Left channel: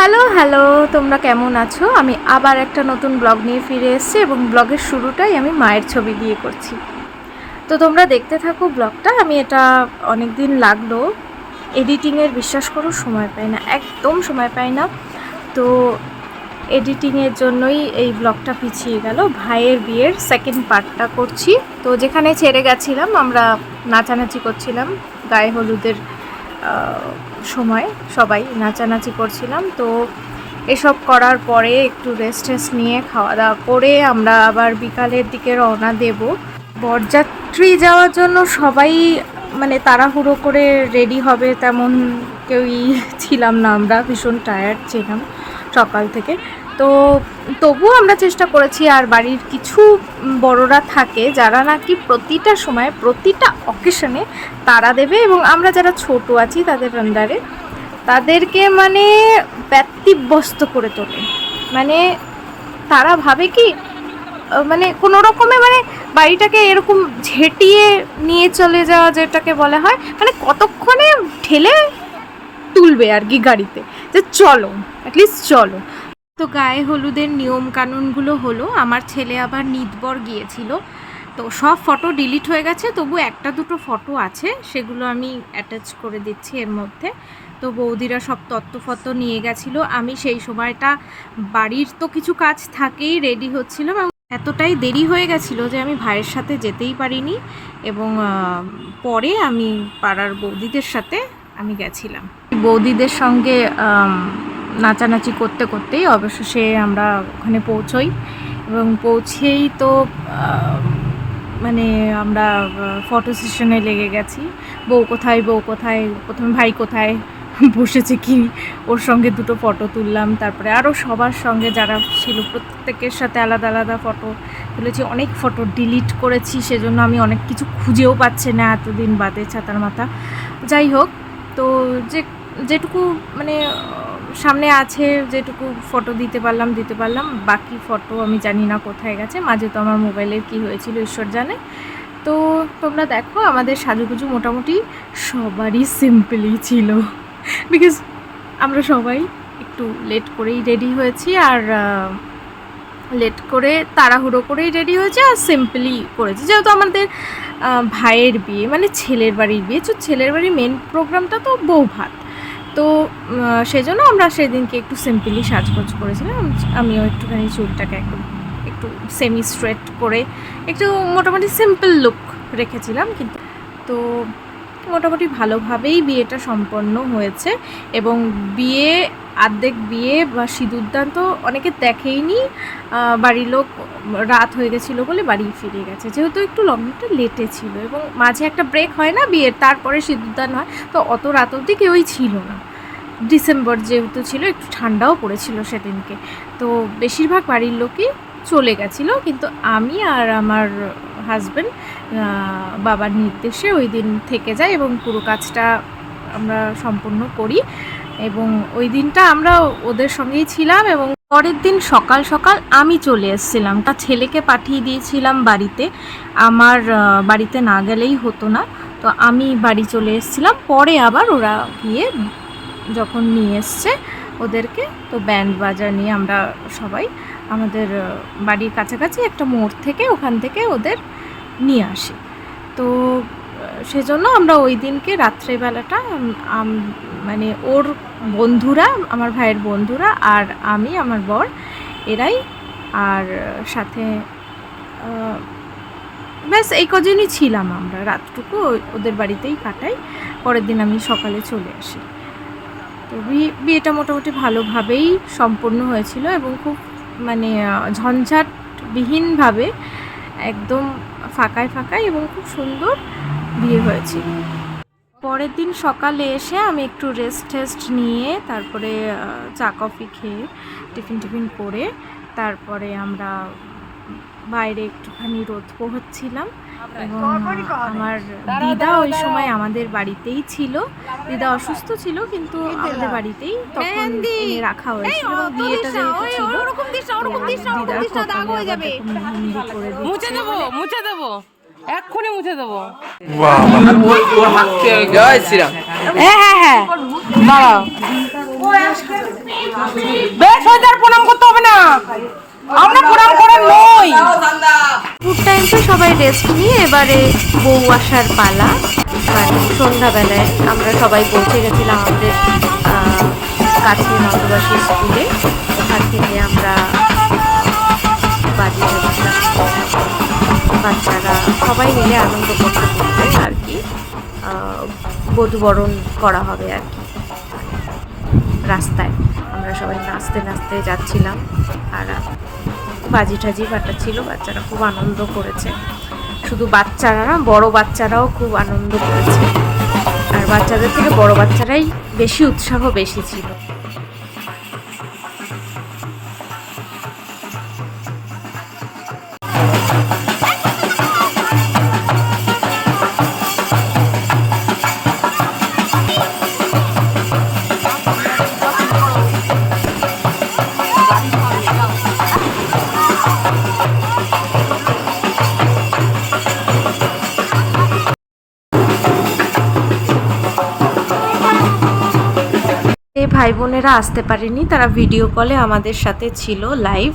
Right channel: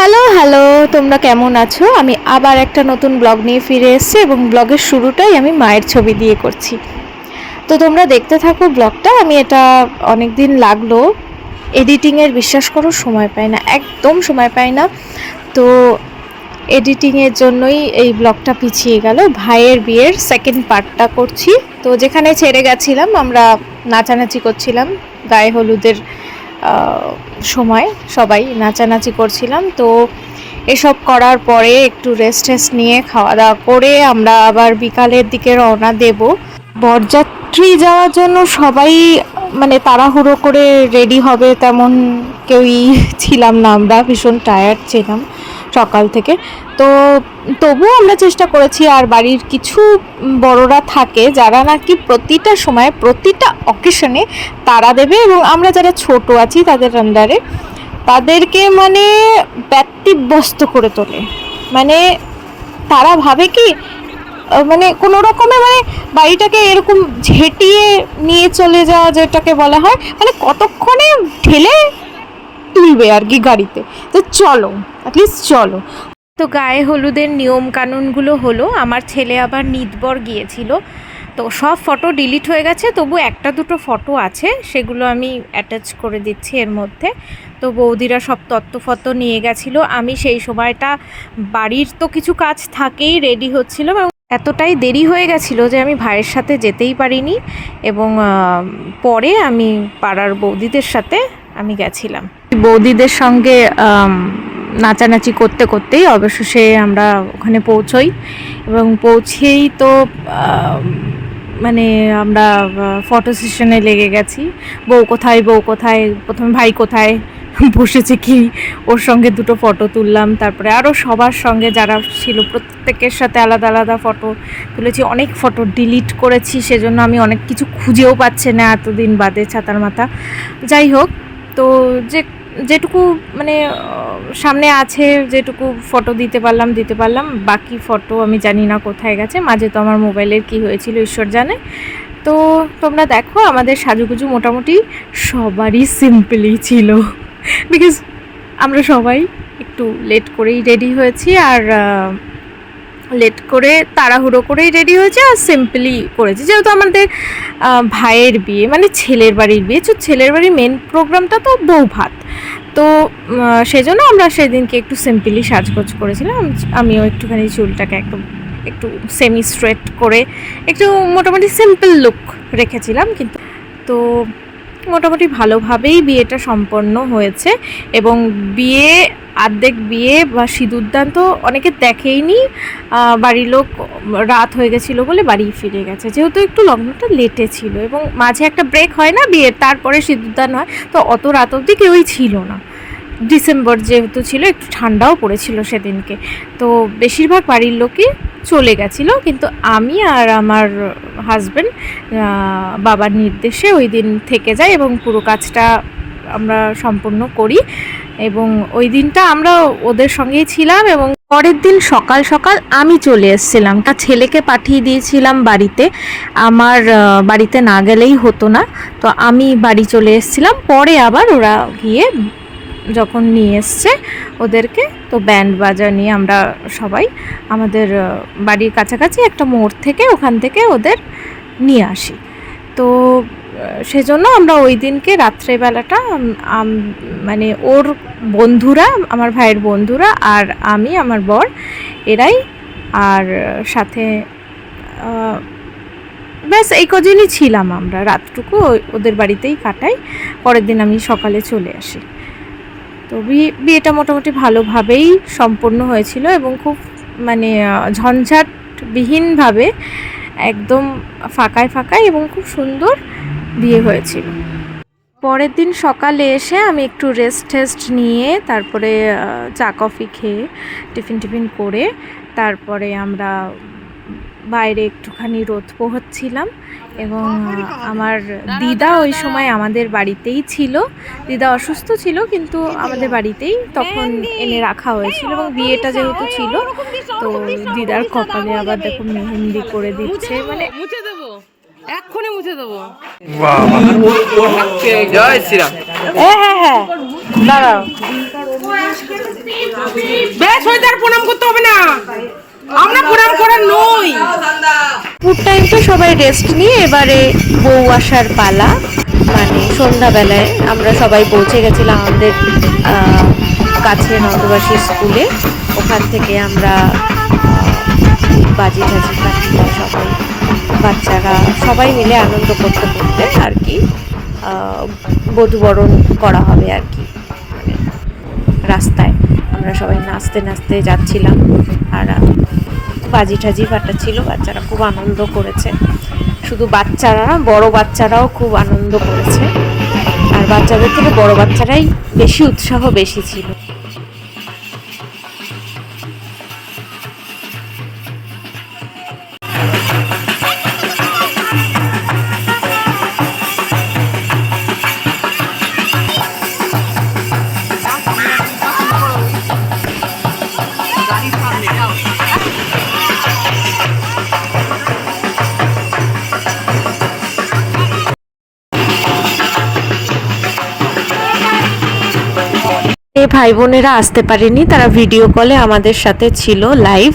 Hello hello তোমরা কেমন আছো? আমি আবার একটা নতুন ব্লগ নিয়ে ফিরে এসেছি এবং ব্লগের শুরুটাই আমি মায়ের ছবি দিয়ে করছি। তো তোমরা দেখতে থাকো ব্লগটা আমি এটা অনেক দিন লাগল। এডিটিংয়ের বিশ্বাস করো, সময় পাই না, একদম সময় পাই না। তো এডিটিংয়ের জন্যই এই ব্লগটা পিছিয়ে গেল, ভাইয়ের বিয়ের সেকেন্ড পার্টটা করছি। তো যেখানে ছেড়ে গেছিলাম, আমরা নাচানাচি করছিলাম, গায়ে হলুদের সময় সবাই নাচানাচি করছিলাম। তো এসব করার পরে একটু রেস্ট টেস্ট নিয়ে খাওয়া দাওয়া করে আমরা আবার বিকালের দিকে রওনা দেব। বরযাত্রী যাওয়ার জন্য সবাই মানে তাড়াহুড়ো করে রেডি হবে তেমন কেউই ছিলাম না, আমরা ভীষণ টায়ার্ড ছিলাম। সকাল থেকে। তো তবুও আমরা চেষ্টা করেছি আর বাড়ির কিছু বড়রা থাকে যারা নাকি প্রতিটা সময়, প্রতিটা অকেশনে তারা দেবে এবং আমরা যারা ছোট আছি তাদের আন্ডারে তাদেরকে মানে ব্যক্তিব্যস্ত করে তোলে। মানে তারা ভাবে কি মানে কোনো রকমে মানে বাড়িটাকে এরকম ঝেঁটিয়ে নিয়ে চলে যাওয়া যেটাকে বলা হয় মানে কতক্ষণে ঠেলে তুলবে আর কি গাড়িতে। যে চলো। অ্যাটলিস্ট চলো। তো গায়ে হলুদের নিয়ম কানুনগুলো হলো, আমার ছেলে আবার নিদবর গিয়েছিল। তো সব ফটো ডিলিট হয়ে গেছে, তবু একটা দুটো ফটো আছে, সেগুলো আমি অ্যাটাচ করে দিচ্ছি এর মধ্যে। তো বৌদিরা সব তত্ত্ব ফতো নিয়ে গেছিল। আমি সেই সময়টা বাড়ির তো কিছু কাজ থাকেই রেডি হচ্ছিল এতটাই দেরি হয়ে গেছিল যে আমি ভাইয়ের সাথে যেতেই পারিনি এবং পরে আমি পাড়ার বৌদিদের সাথে আমি গেছিলাম। বৌদিদের সঙ্গে নাচানাচি করতে করতেই অবশেষে আমরা ওখানে পৌঁছই। এবং পৌঁছেই তো মানে আমরা ফটো সেশনে লেগে গেছি। বউ কোথায় বউ কোথায়, প্রথমে ভাই কোথায়, বসেছে কি, ওর সঙ্গে দুটো ফটো তুললাম। তারপরে আরও সবার সঙ্গে যারা ছিল, প্রত্যেকের সাথে আলাদা আলাদা ফটো তুলেছি। অনেক ফটো ডিলিট করেছি, সেজন্য আমি অনেক কিছু খুঁজেও পাচ্ছি না এতদিন বাদে ছাতার মাথা। যাই হোক, তো যে যেটুকু মানে সামনে আছে, যেটুকু ফটো দিতে পারলাম দিতে পারলাম। বাকি ফটো আমি জানি না কোথায় গেছে। মাঝে তো আমার মোবাইলের কি হয়েছিল, ঈশ্বর জানে। তো তোমরা দেখো, আমাদের সাজুগুজু মোটামুটি সবারই সিম্পলই ছিল। বিকজ আমরা সবাই একটু লেট করেই রেডি হয়েছি আর লেট করে, তাড়াহুড়ো করেই রেডি হয়েছে আর সিম্পলি করেছি। যেহেতু আমাদের ভাইয়ের বিয়ে মানে ছেলের বাড়ির বিয়ে, তো ছেলের বাড়ির মেন প্রোগ্রামটা তো বউ ভাত তো সেজন্য আমরা সেদিনকে একটু সিম্পলি সাজগোজ করেছিলাম। আমিও একটুখানি চুলটাকে একদম একটু সেমি স্ট্রেট করে একটু মোটামুটি সিম্পল লুক রেখেছিলাম, কিন্তু তো মোটামুটি ভালোভাবেই বিয়েটা সম্পন্ন হয়েছে এবং বিয়ে আর্ধেক বিয়ে বা সিঁদুরদান তো অনেকে দেখেইনি। বাড়ির লোক রাত হয়ে গেছিল বলে বাড়ি ফিরে গেছে। যেহেতু একটু লগ্নটা লেটে ছিল এবং মাঝে একটা ব্রেক হয় না বিয়ের, তারপরে সিঁদুরদান হয়, তো অত রাত অবধি কেউই ছিল না। ডিসেম্বর যেহেতু ছিল, একটু ঠান্ডাও পড়েছিল সেদিনকে। তো বেশিরভাগ বাড়ির লোকই চলে গেছিল, কিন্তু আমি আর আমার হাজব্যান্ড বাবার নির্দেশে ওই দিন থেকে যাই এবং পুরো কাজটা আমরা সম্পূর্ণ করি। এবং ওই দিনটা আমরা ওদের সঙ্গেই ছিলাম এবং পরের দিন সকাল সকাল আমি চলে এসেছিলাম। তা ছেলেকে পাঠিয়ে দিয়েছিলাম বাড়িতে। আমার বাড়িতে না গেলেই হতো না। তো আমি বাড়ি চলে এসেছিলাম। পরে আবার ওরা গিয়ে যখন নিয়ে এসছে ওদেরকে, তো ব্যান্ড বাজা নিয়ে আমরা সবাই আমাদের বাড়ির কাছাকাছি একটা মোড় থেকে ওখান থেকে ওদের নিয়ে আসি। তো সেজন্য আমরা ওই দিনকে রাত্রেবেলাটা মানে ওর বন্ধুরা, আমার ভাইয়ের বন্ধুরা আর আমি, আমার বর, এরাই আর সাথে ব্যাস এই কদিনই ছিলাম আমরা। রাতটুকু ওদের বাড়িতেই কাটাই। পরের দিন আমি সকালে চলে আসি। তো বিয়ে বিয়েটা মোটামুটি ভালোভাবেই সম্পন্ন হয়েছিল এবং খুব মানে ঝঞ্ঝাটবিহীনভাবে একদম ফাঁকায় ফাঁকায় এবং খুব সুন্দর বিয়ে হয়েছিল। পরের দিন সকালে এসে আমি একটু রেস্ট টেস্ট নিয়ে তারপরে চা কফি খেয়ে টিফিন টিফিন করে তারপরে আমরা বাইরে একটুখানি রোদ পোহাচ্ছিলাম এবং আমার দিদা ওই সময় আমাদের বাড়িতেই ছিল। দিদা অসুস্থ ছিল কিন্তু আমাদের বাড়িতেই তখন এনে রাখা হয়েছিল এবং বিয়েটা যেহেতু ছিল তো দিদার কপালে আবার দেখো মেহেন্দি করে দিচ্ছে। মানে এক্ষুনি মুছে দেবো। জয় শ্রীরাম। হ্যাঁ হ্যাঁ হ্যাঁ। দাঁড়াও। বেশ হয়ে যার প্রণাম করতে হবে না। আমরা প্রণাম করার নই। ফুড টাইমে সবাই রেস্ট নিয়ে এবারে বউ আসার পালা। মানে সন্ধ্যাবেলায় আমরা সবাই পৌঁছে গেছিলাম আমাদের কাছে নন্দবাসী স্কুলে। ওখান থেকে আমরা বাজি টাজি বাচ্চারা সবাই মিলে আনন্দ করতে করতে আর কি। বধূবরণ করা হবে আর কি। রাস্তায় আমরা সবাই নাচতে নাচতে যাচ্ছিলাম আর বাজি টাজি ছিল, বাচ্চারা খুব আনন্দ করেছে। শুধু বাচ্চারা না, বড় বাচ্চারাও খুব আনন্দ করেছে। আর বাচ্চাদের থেকে বড় বাচ্চারাই বেশি উৎসাহ বেশি ছিল। ভাই বোনেরা আসতে পারেনি তারা ভিডিও কলে আমাদের সাথে ছিল লাইভ